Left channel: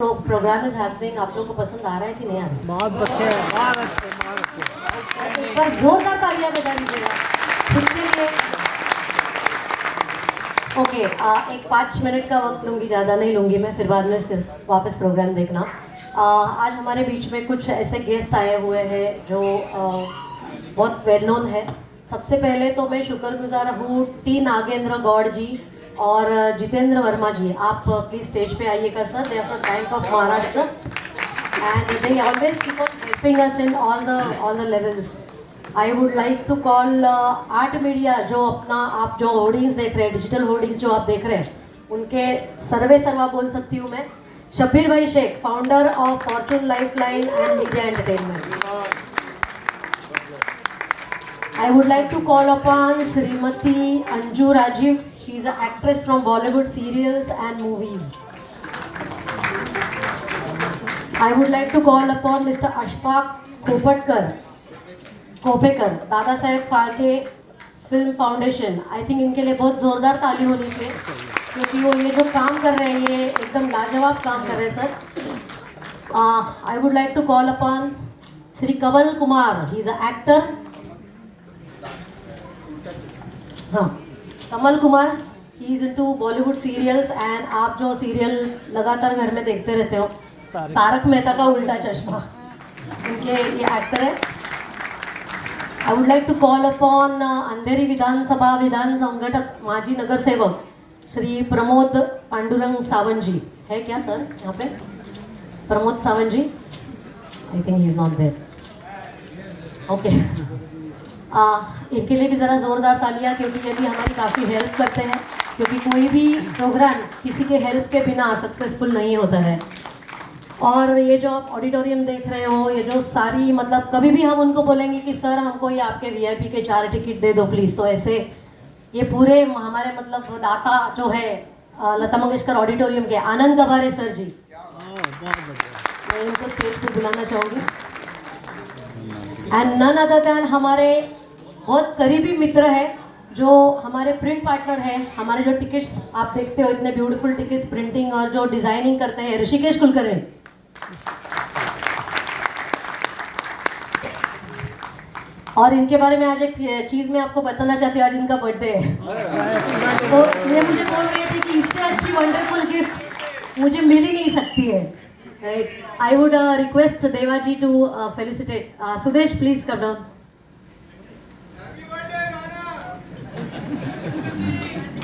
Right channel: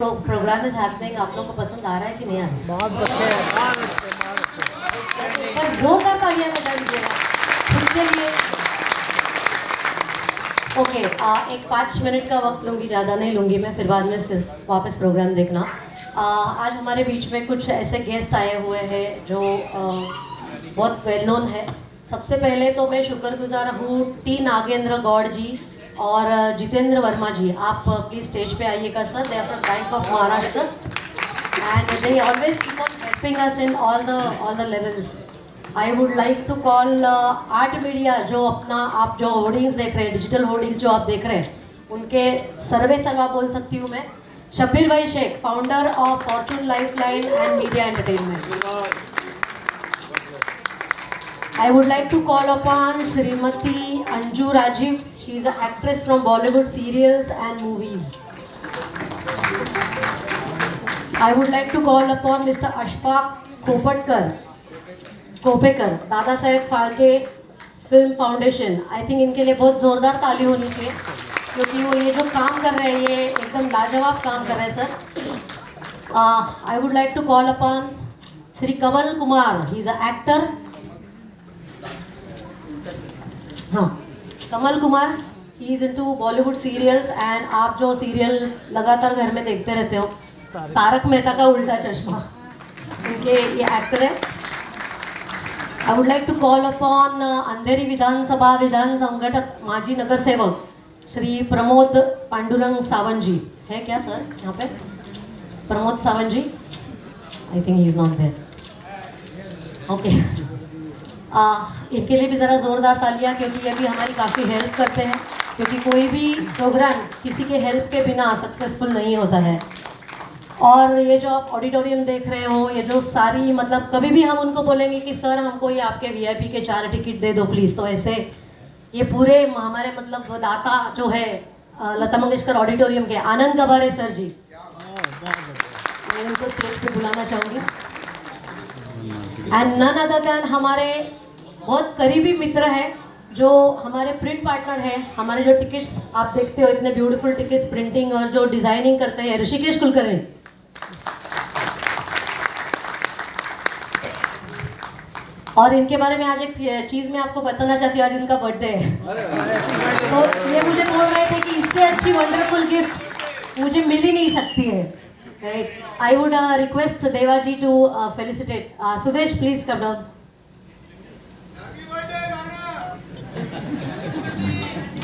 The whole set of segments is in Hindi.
प्रोग्राम इज हैपनिंग, आप लोगों को पसंद आ रहा है कि नहीं आ रहा है? बहुत अच्छे एक बार जोरदार तालियां बजा दीजिएगा खुद के लिए। ओके, एक 5 मिनट का वक्त लूँगी, ज़्यादा नहीं लूँगी मैं, फिर बाद में सिर्फ वापस प्रोग्राम देखना। आज हमारे बीच में कुछ ऐसे गेस्ट आए हुए हैं जो बहुत वेल नोन है। सबसे पहले तो मैं शुक्रगुजार हूँ टी नागेंद्र गौड़ जी और जितेंद्र वर्मा जी। आप प्लीज स्टेज पे आइएगा sir. They are from Bank of Maharashtra and they always keep on helping us in all the levels. I would like to call art media, जो अपना आप जो होर्डिंग्स देख रहे हैं, डिजिटल होर्डिंग्स जो आप देख रहे हैं, उनके सर्वे सर्वा बोल सकती हूँ मैं। शब्बीर भाई Shaikh, founder of Fortune Lifeline and Media Entertainment. I would like to call upon Srimati Anju Rajiv. She is an actress from Bollywood serials and movies. I would like to call upon Mr. Ashfaq Kopekar, Dada Saheb Phalke film foundation. I think इनके लिए बहुत जोरदार ताली होनी चाहिए, क्योंकि वो ये जो काम कर रहे हैं ये एकदम लाजवाब काम कर रहे हैं sir. I would like to call upon Shri Kamal Kumar. He is a actor. हाँ, Kamal Kumar, he is into Bollywood serials and आप जो सीरियल लगातार घर में देखते रहते हो, तारक मेहता का उल्टा चश्मा, उनके ये एक्टर है। I would like to call upon Andheri विधानसभा विधान संगठक माजी नगर सेवक श्री प्रमोद पांडुरंग सावंत जी। है क्या सर यहाँ पे? Pramod Sawant ji, I think he is not there. Okay, इनके लिए भी ज़रा ज़ोरदार तालियां, क्योंकि ये भी हमारी काफ़ी हेल्प करते हैं, क्योंकि कोई भी प्रोग्राम किसी के हेल्प के बिना सक्सेसफुल नहीं होता है। और ये जो आप ऑडिटोरियम देख रहे हो, ये जो सारी, मतलब कभी भी हम उनको बोलेंगे कि सर हमको ये आपके वीआईपी के 4 टिकट दे दो प्लीज़, तो ऐसे ये पूरे हमारे मतलब दाता जो है लता मंगेशकर ऑडिटोरियम के आनंद गबारे सर जी, मैं इनको स्टेज पर बुलाना चाहूँगी। एंड नन अदर देन हमारे बहुत करीबी मित्र है, जो हमारे प्रिंट पार्टनर है। हमारे जो टिकट्स आप देखते हो, इतने ब्यूटीफुल टिकट्स प्रिंटिंग और जो डिजाइनिंग करते हैं, ऋषिकेश कुलकर्णी। और इनके बारे में आज एक चीज मैं आपको बताना चाहती हूँ, आज इनका बर्थडे है। तो ये मुझे बोल रहे थे कि इससे अच्छी वंडरफुल गिफ्ट मुझे मिल ही नहीं सकती है। Right. I would request Devaji to felicitate. Sudesh, please come down.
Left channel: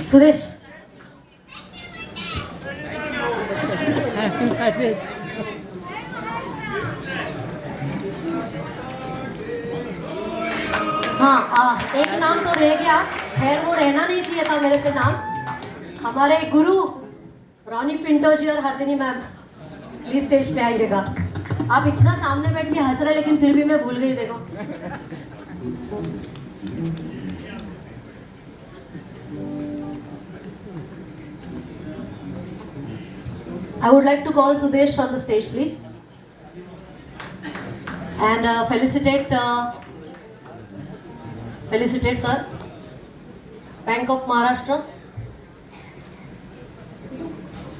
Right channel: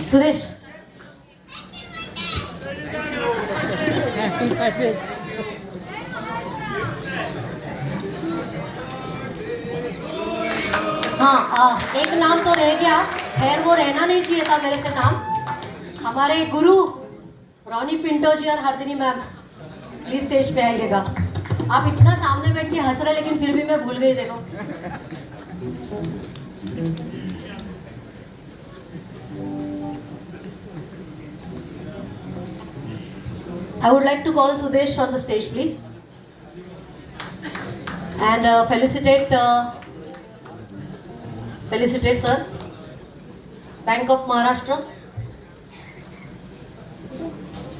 Sudesh. हाँ, एक नाम तो रह गया, खैर वो रहना नहीं चाहिए था मेरे से नाम। हमारे गुरु रॉनी पिंटो जी और हरदिनी मैम, प्लीज स्टेज पे आइएगा। आप इतना सामने बैठ के हंस रहे, लेकिन फिर भी मैं भूल गई, देखो। I would like to call Sudesh on the stage, please, and felicitate sir, Bank of Maharashtra,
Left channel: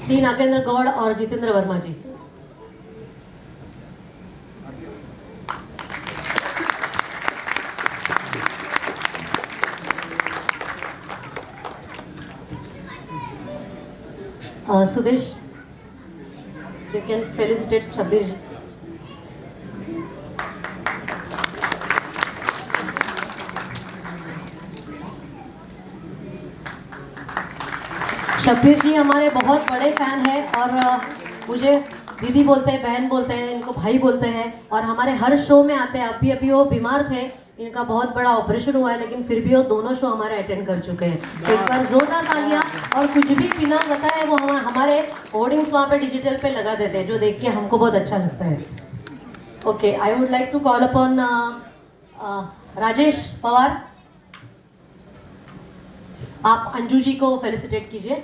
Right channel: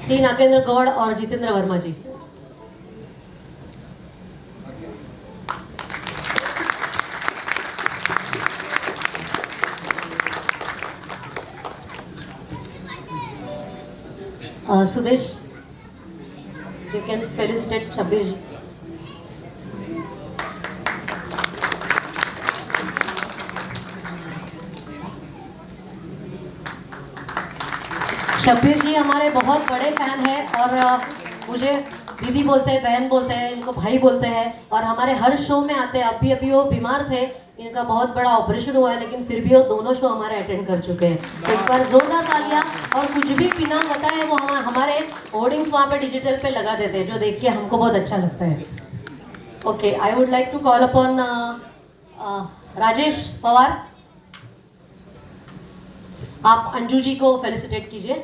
T Nagendra Goud और Jitendra Verma ji. Sudesh, you can felicitate Shabbir ji. Shabbir ji हमारे बहुत बड़े फैन हैं और मुझे दीदी बोलते हैं, बहन बोलते हैं, इनको भाई बोलते हैं, और हमारे हर शो में आते हैं। अभी वो बीमार थे, इनका बहुत बड़ा ऑपरेशन हुआ है, लेकिन फिर भी वो दोनों शो हमारे अटेंड कर चुके हैं। तो एक बार जोरदार तालियां। और कुछ भी बिना बताए वो हमारे होर्डिंग्स वहाँ पे डिजिटल पे लगा देते हैं, जो देख के हमको बहुत अच्छा लगता है। Okay, I would like to call upon Rajesh Pawar. आप अंजू जी को फेलिसिटेट कीजिए।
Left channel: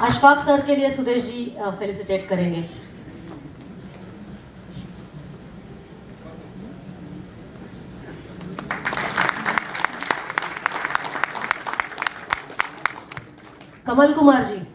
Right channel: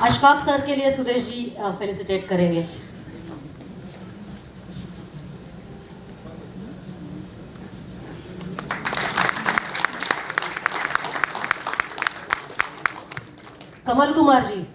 अशफाक सर के लिए सुदेश जी फेलिसिटेट करेंगे। कमल कुमार जी।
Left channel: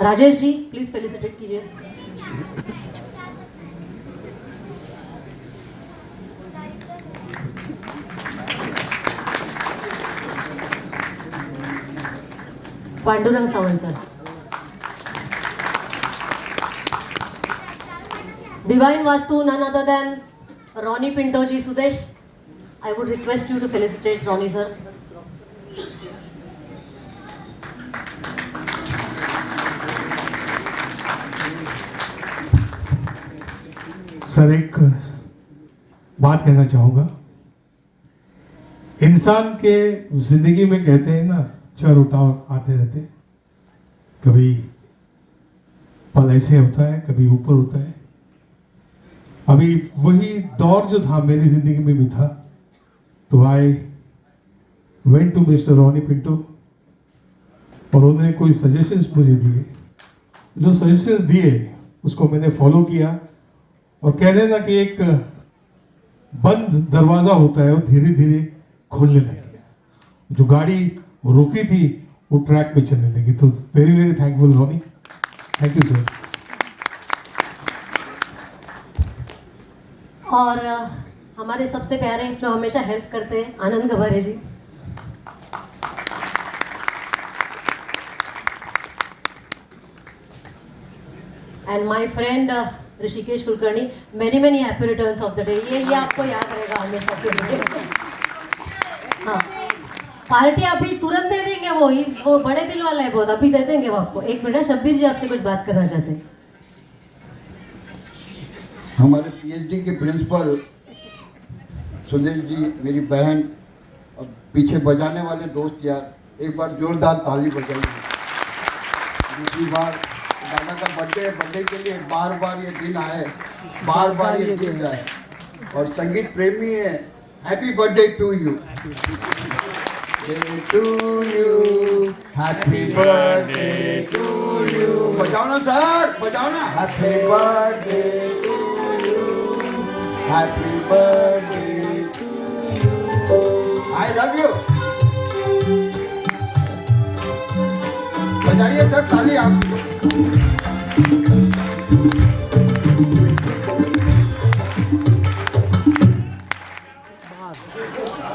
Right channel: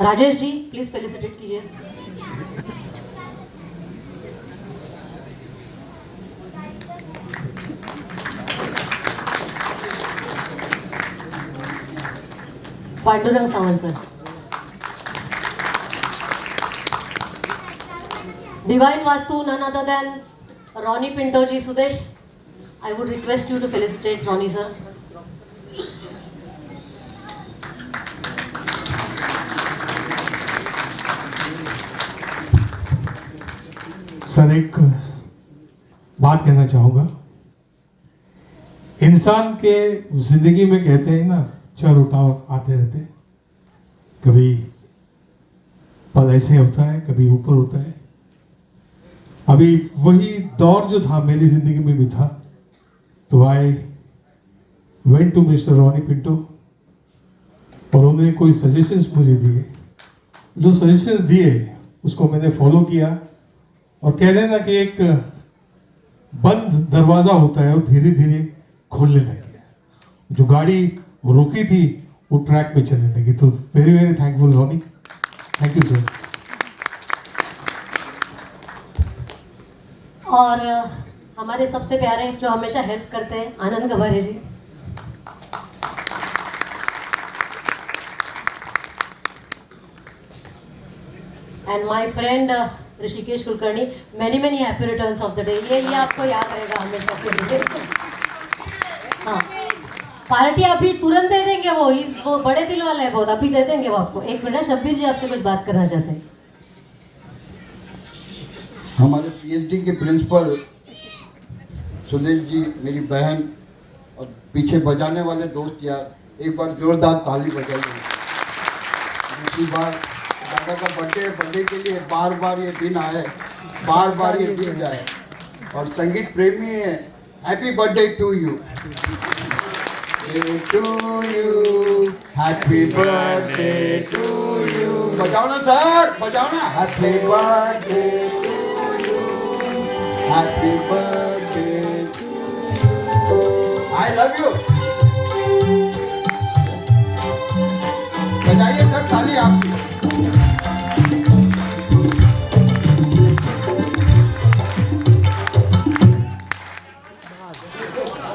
राजेश जी प्लीज फेलिसिटेट कीजिए। Pandurang Sawant sir. Divine vastu none other than Ronnie Pinto ji। Sudesh, I would request you to felicitate Ronnie sir. Sir एक बात कहना चाहूँगा, इंसान के जिंदगी में कहते हैं ना चढ़ उठाव आते रहते हैं, कभी पल ऐसे होता है कभी ऊपर होता है। अभी वही दौर जो था मेरी जिंदगी में भी था, तो I went to mister Ronnie Pinto और उन्होंने कोई सजेशंस मुझे दिए, जो सजेशंस दिए उसको मैंने फॉलो किया और कह देना कि एक बंद दरवाजा होता है वो धीरे धीरे खोलने लग गया। जो गाड़ी रुकी थी वो ट्रैक पे चलने लगी। तो very very thankful Ronnie, thank you sir. और हमारे सबसे प्यारे जो हमेशा हेल्प करते हैं Anand Gaware ji. And my friend Rishikesh Kulkarni, many happy returns of the day. ये आपको याद रहेगा हमेशा के लिए। हाँ, पार्टी अभी तुरंत दे देंगे, वो बड़े दिल वाला है बहुत, अभी दे देंगे वो आपको। एक मिनट, शब्बीर जी आपसे कुछ बात करना चाहते हैं। हमारे पीएचडी के प्रिंसिपल सुदेश जी, मेरी बहन और पीछे बजाने वाले दोस्त यार, एक बार जोरदार ताली बजाइए। दूसरी बार दादा का बर्थडे के लिए बार बार ये दिन आए, बार बार ये दिन जाए। और संगीत प्रेमी है, happy birthday to you, happy birthday to you. बजाओ ना सर, बजाओ ना। Happy birthday to you, happy birthday, I love you. बजाइए सर ताली आप।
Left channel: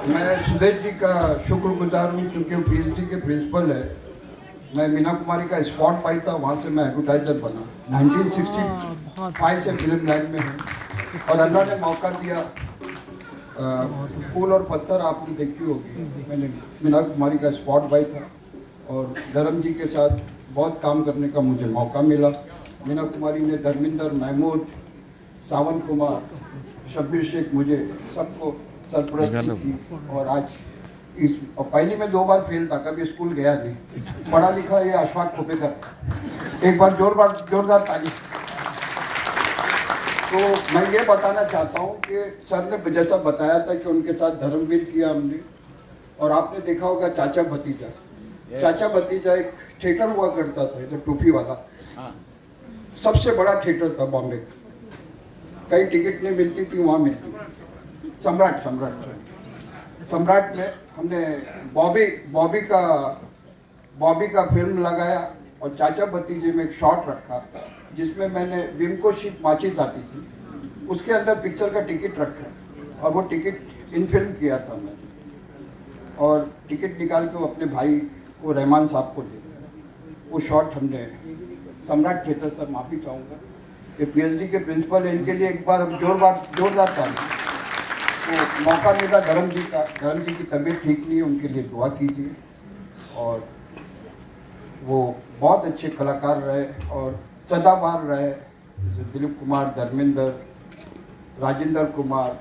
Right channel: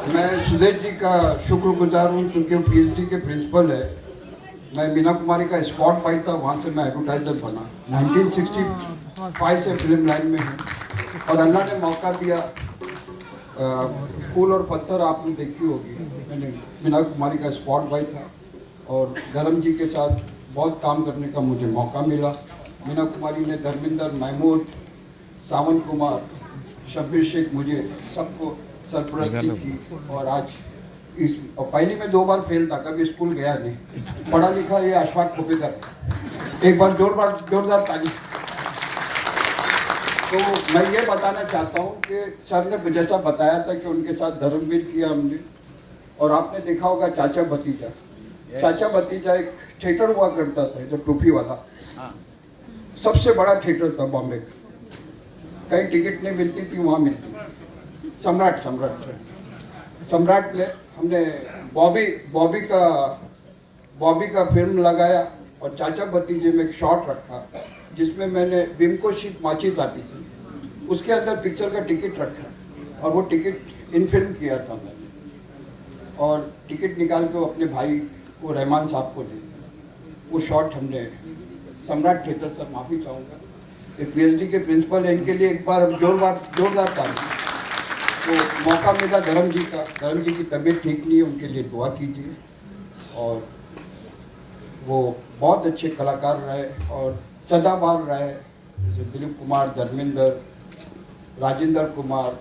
मैं सुदेश जी का शुक्रगुजार हूँ क्योंकि वो पीएचडी के प्रिंसिपल है। मैं मीना कुमारी का स्पॉट पाई था, वहाँ से मैं एडवर्टाइजर बना। 1965 से फिल्म लाइन में हूँ और अल्लाह ने मौका दिया। फूल और पत्थर आपने देखी होगी, मैंने मीना कुमारी का स्पॉट बाय था और धर्म जी के साथ बहुत काम करने का मुझे मौका मिला। मीना कुमारी ने धर्मिंदर, महमूद, सावन कुमार, शब्बीर शेख, मुझे सबको सरपरस्ती की। और आज इस और पहली में 2 बार फेल था, कभी स्कूल गया नहीं, पढ़ा लिखा ये अशफाक प्रोफेसर। एक बार जोरदार ताली। तो मैं ये बताना चाहता हूँ कि सर ने जैसा बताया था कि उनके साथ धर्मवीर किया हमने, और आपने देखा होगा चाचा भतीजा। चाचा भतीजा एक थिएटर हुआ करता था, जो टोपी वाला, सबसे बड़ा थिएटर था बॉम्बे का। कहीं टिकट नहीं मिलती थी, वहाँ मिलती। सम्राट में हमने बॉबी का फिल्म लगाया और चाचा भतीजे में एक शॉट रखा जिसमें मैंने विमको शीट माचिस आती थी, उसके अंदर पिक्चर का टिकट रखा और वो टिकट इन फिल्म किया था मैंने। और टिकट निकाल के अपने भाई वो रहमान साहब को दिया। वो शॉट हमने सम्राट थिएटर, सर माफ़ी चाहूँगा, ये पीएचडी के प्रिंसिपल है, इनके लिए एक बार हम जोरदार ताली। तो मौका मिला धर्म जी की तबीयत ठीक नहीं है, उनके लिए दुआ कीजिए। और वो बहुत अच्छे कलाकार रहे और सदाबहार रहे, जैसे दिलीप कुमार, धर्मेंद्र, राजेंद्र कुमार,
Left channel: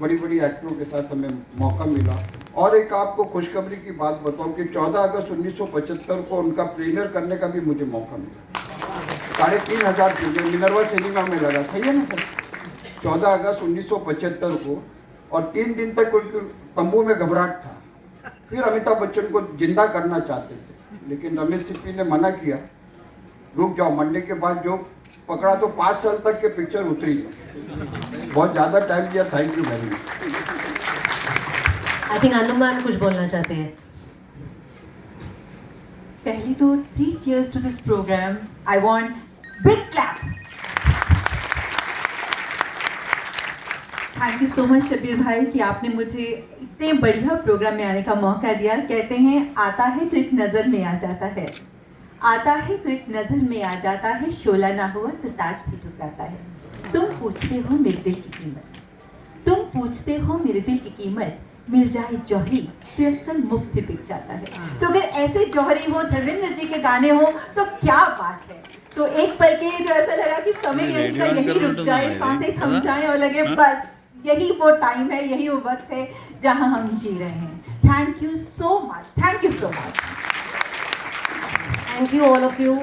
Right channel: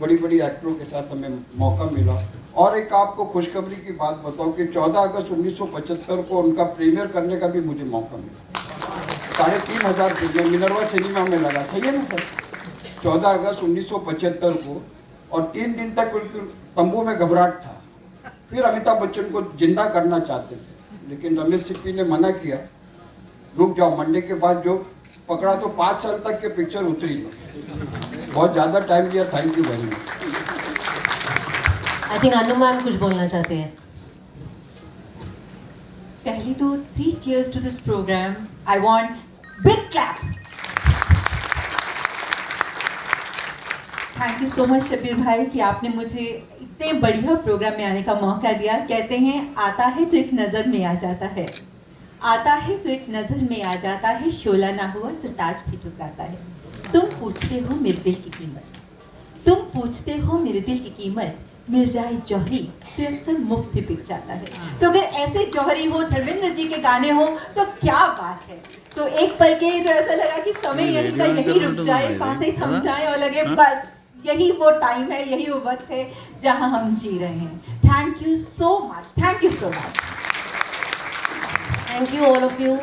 बड़ी एक्टरों के साथ हमें मौका मिला। और एक आपको खुशखबरी की बात बताऊं कि 14 अगस्त 1975 को उनका प्रीमियर करने का भी मुझे मौका मिला। 3500 फिल्में मिनर्वा सिनेमा में लगा, सही है ना सर? 14 अगस्त 1975 को, और 3 दिन तक उनके तंबू में घबराहट था। फिर अमिताभ बच्चन को जिंदा करना चाहते थे, लेकिन रमेश सिप्पी ने मना किया, रुक जाओ, मंडे के बाद जो पकड़ा तो 5 साल तक के पिक्चर उतरी। बहुत ज़्यादा टाइम लिया। Thank you very much. I think Anu ma'am कुछ बोलना चाहते हैं। पहली तो 3 cheers to this program. I want big clap. Thank you so much Shabbir भाई कि आपने मुझे इतने बढ़िया प्रोग्राम में आने का मौका दिया। कहते हैं आता है तो एक नज़र में आ जाता है, आता है तो एक नज़र में आ जाता है, शोला ना हुआ तो ताज भी ठुकराता है। तुम पूछते हो मेरे दिल की कीमत, तुम पूछते हो मेरे दिल की कीमत, मिल जाए जौहरी तो अक्सर मुफ्त ही बिक जाता है। तो अगर ऐसे जौहरी हो, धर्मेंद्र जी के गाने हो तो क्या बात है। तो एक पल के तो ऐसा लगा कि समय यही का यही रुक जाए, सांसें थम जाए और लगे बस यही वो टाइम है, यही वो वक्त है जहां हम जी रहे हैं। Thank you so much, thank you so much. Thank you all of you.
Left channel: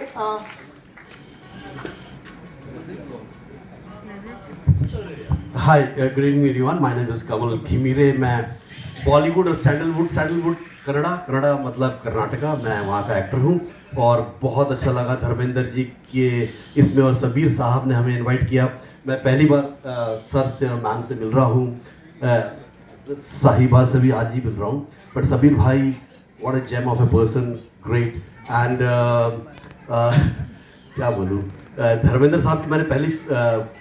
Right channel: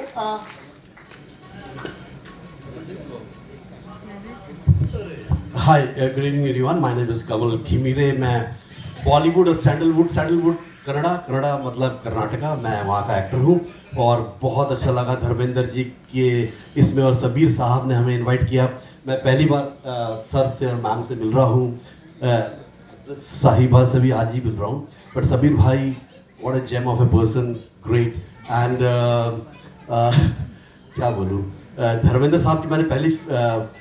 Hi, good evening everyone. My name is Kamal Ghimire. मैं बॉलीवुड और सैंडलवुड कनाडा मतलब कर्नाटका, मैं वहाँ का एक्टर हूँ। और बहुत अच्छा लगा धर्मेंद्र जी के इसमें, और सबीर साहब ने हमें इनवाइट किया। मैं पहली बार सर से और मैम से मिल रहा हूँ, साहिबा से भी आज ही मिल रहा हूँ। बट सबीर भाई, what a gem of a person, great. And क्या बोलूँ, धर्मेंद्र साहब की मैंने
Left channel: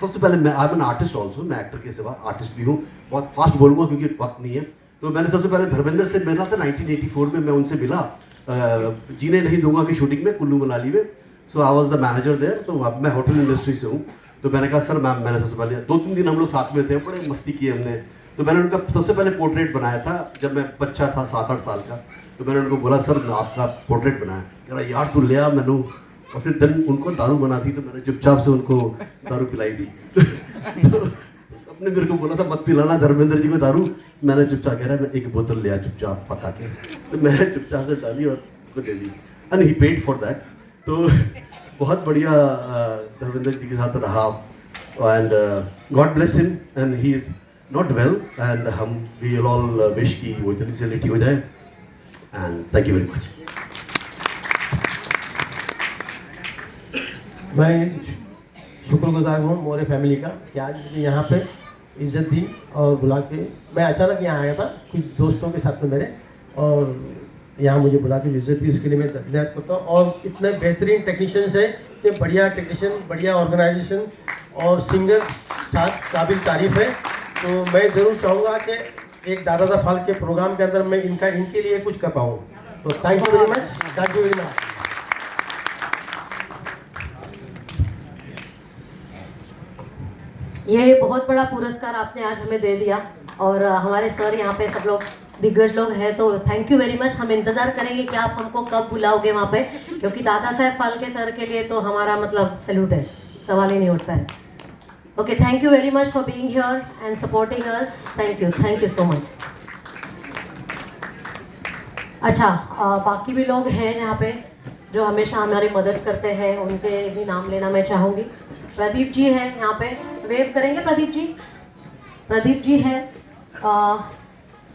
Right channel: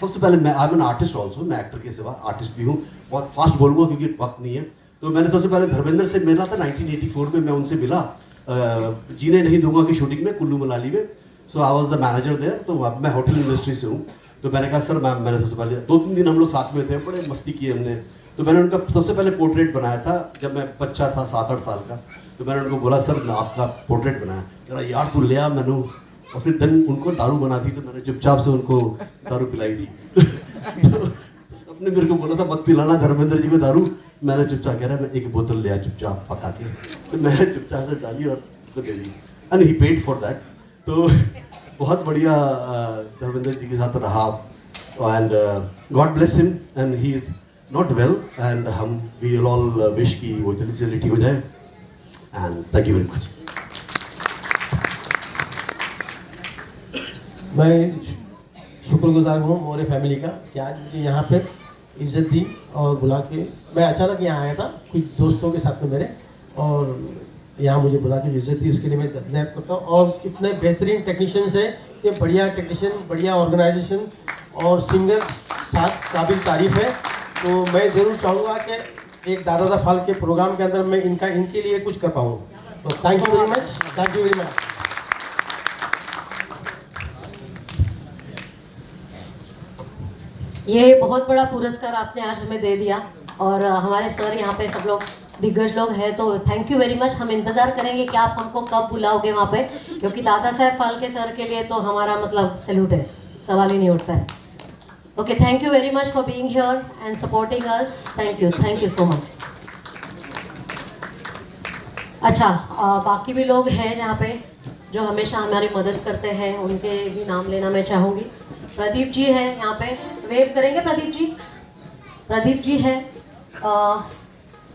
सबसे पहले मैं I am an artist also, मैं एक्टर के सिवा आर्टिस्ट भी हूँ। बहुत फास्ट बोलूँगा क्योंकि वक्त नहीं है। तो मैंने सबसे पहले धर्मेंद्र से मिला था 1984 में। मैं उनसे मिला जीने नहीं दूंगा की शूटिंग में, कुल्लू मनाली में। So I was the manager there. तो अब मैं होटल इंडस्ट्री से हूँ। तो मैंने कहा सर मैम, मैंने सबसे पहले 2-3 दिन हम लोग साथ में थे, बड़े मस्ती किए हमने। तो मैंने उनका सबसे पहले पोर्ट्रेट बनाया था जब मैं बच्चा था, 7-8 साल का। तो मैंने उनको बोला सर आपका पोर्ट्रेट बनाया। कह रहा यार तू ले आ मैनू। और फिर दिन उनको दारू बना थी, तो मैंने चुपचाप से उनको दारू पिलाई थी। तो सबने मेरे को बोला था मत पिलाना धर्मेंद्र जी को दारू। मैंने चुपचाप, कह रहा मैं एक बोतल लिया चुपचाप पका के, तो मैंने चुपचाप से डाली और उसको दे दी, and he paid for that. तो बहुत बढ़िया धर्मेंद्र जी के साथ रहा। And God bless him, and he is not well, and हम वी ऑल विश कि वो जल्दी से जल्दी ठीक हो जाए। And thank you very much. मैं शुक्रगुजार हूँ मोरे फैमिली का कि आज मुझे यहाँ पे इज्जत दी और बुला के। मैं अचानक यहाँ आया था कुछ दोस्तों के साथ में मेरे, और यहाँ मुझे बुला के इज्जत दी, उसके लिए मैं धन्यवाद करता हूँ। और इतने बेहतरीन टेक्नीशियंस हैं, इतने बढ़िया टेक्नीशियन, बढ़िया ऑर्गेनाइजेशन और सिंगर्स साथ काबिल तारीफ है। तो मैं ज़रूर चाहूँगा कि एक दादा दा फाल के प्रोग्राम के अंदर मैं इनके लिए कुछ कर पाऊँ। तो thank you very much, thank you very much. ये बहुत बड़ा पुरस्कार आपने आज हमें दे दिया, और हमारे सर यहाँ पे सब लोग दिग्गज लोग हैं, तो थैंक यू वेरी मच। हम इंतज़ार करेंगे कि आप हमको कब बुलाओगे वहाँ पे, क्योंकि दादा साहब फाल्के सर के लिए तो हमारा मतलब सैल्यूट है, सवाल ही नहीं उठता है। Okay, thank you very much for being here and supporting us. Thank you so much. अच्छा, बाकी भी लोग हैं यहाँ पे जो हमेशा हमारी मदद करते हैं, उनके भी नाम लेना मैं चाहूँगी। प्रदीप जी है यहाँ पे, वेव करेंगे प्रदीप जी। प्रदीप जी है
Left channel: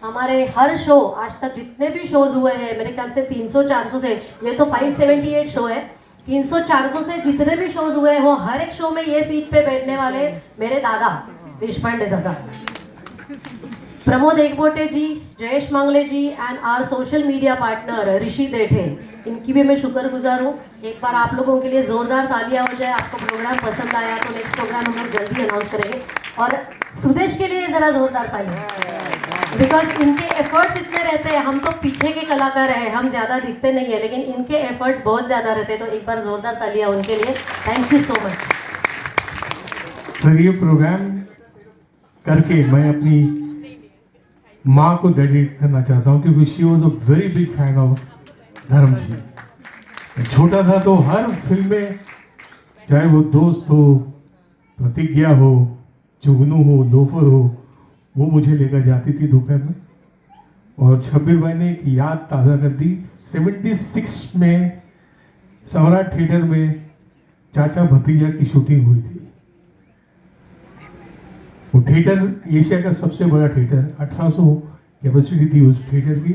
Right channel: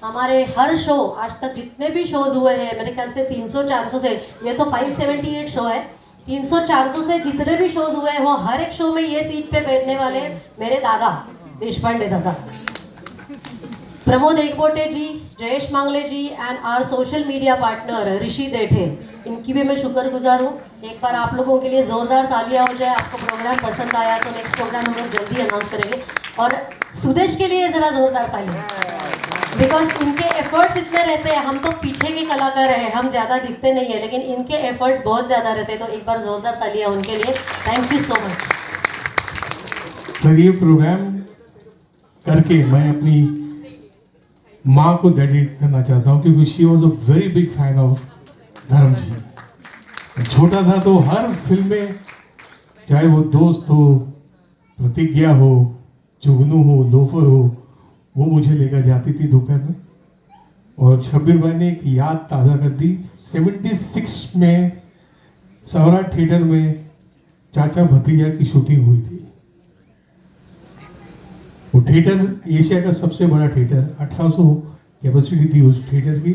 हमारे हर शो, आज तक जितने भी शोज हुए हैं, मेरे ख्याल से 300-400 से, ये तो 578 शो है, 300-400 से जितने भी शोज हुए हैं, वो हर एक शो में ये सीट पे बैठने वाले मेरे दादा देशपांडे दादा, Pramod Ekbote ji, Jayesh Mangle ji and our social media partner Rishi Dethe, इनकी भी मैं शुक्रगुजार हूँ। एक बार आप लोगों के लिए ज़ोरदार तालियां हो जाए। आपको प्रोग्राम पसंद आया तो नेक्स्ट प्रोग्राम हम लोग जल्दी अनाउंस करेंगे। और सुदेश के लिए ज़रा ज़ोरदार तालियां, बिकॉज इनके एफर्ट्स इतने रहते हैं। हम तो पीछे के कलाकार हैं, हम ज़्यादा दिखते नहीं है, लेकिन इनके एफर्ट्स बहुत ज़्यादा रहते हैं। तो एक बार ज़ोरदार तालियां उनके लिए। Thank you so much sir. ये प्रोग्राम करके मैं अपनी माँ को डेडिकेट करना चाहता हूँ, क्योंकि she was a very big fan of धर्म जी। छोटा था तो हर फिल्म में, चाहे वो दोस्त हो, प्रतिज्ञा हो, जुगनू हो, लोफर हो, वो मुझे लेकर जाती थी दोपहर में। और शब्बीर भाई ने एक याद ताज़ा कर दी। 76 में सम्राट थिएटर में चाचा भतीजा की शूटिंग हुई थी। वो थिएटर एशिया का सबसे बड़ा थिएटर, 1800 कैपेसिटी थी उस थिएटर की।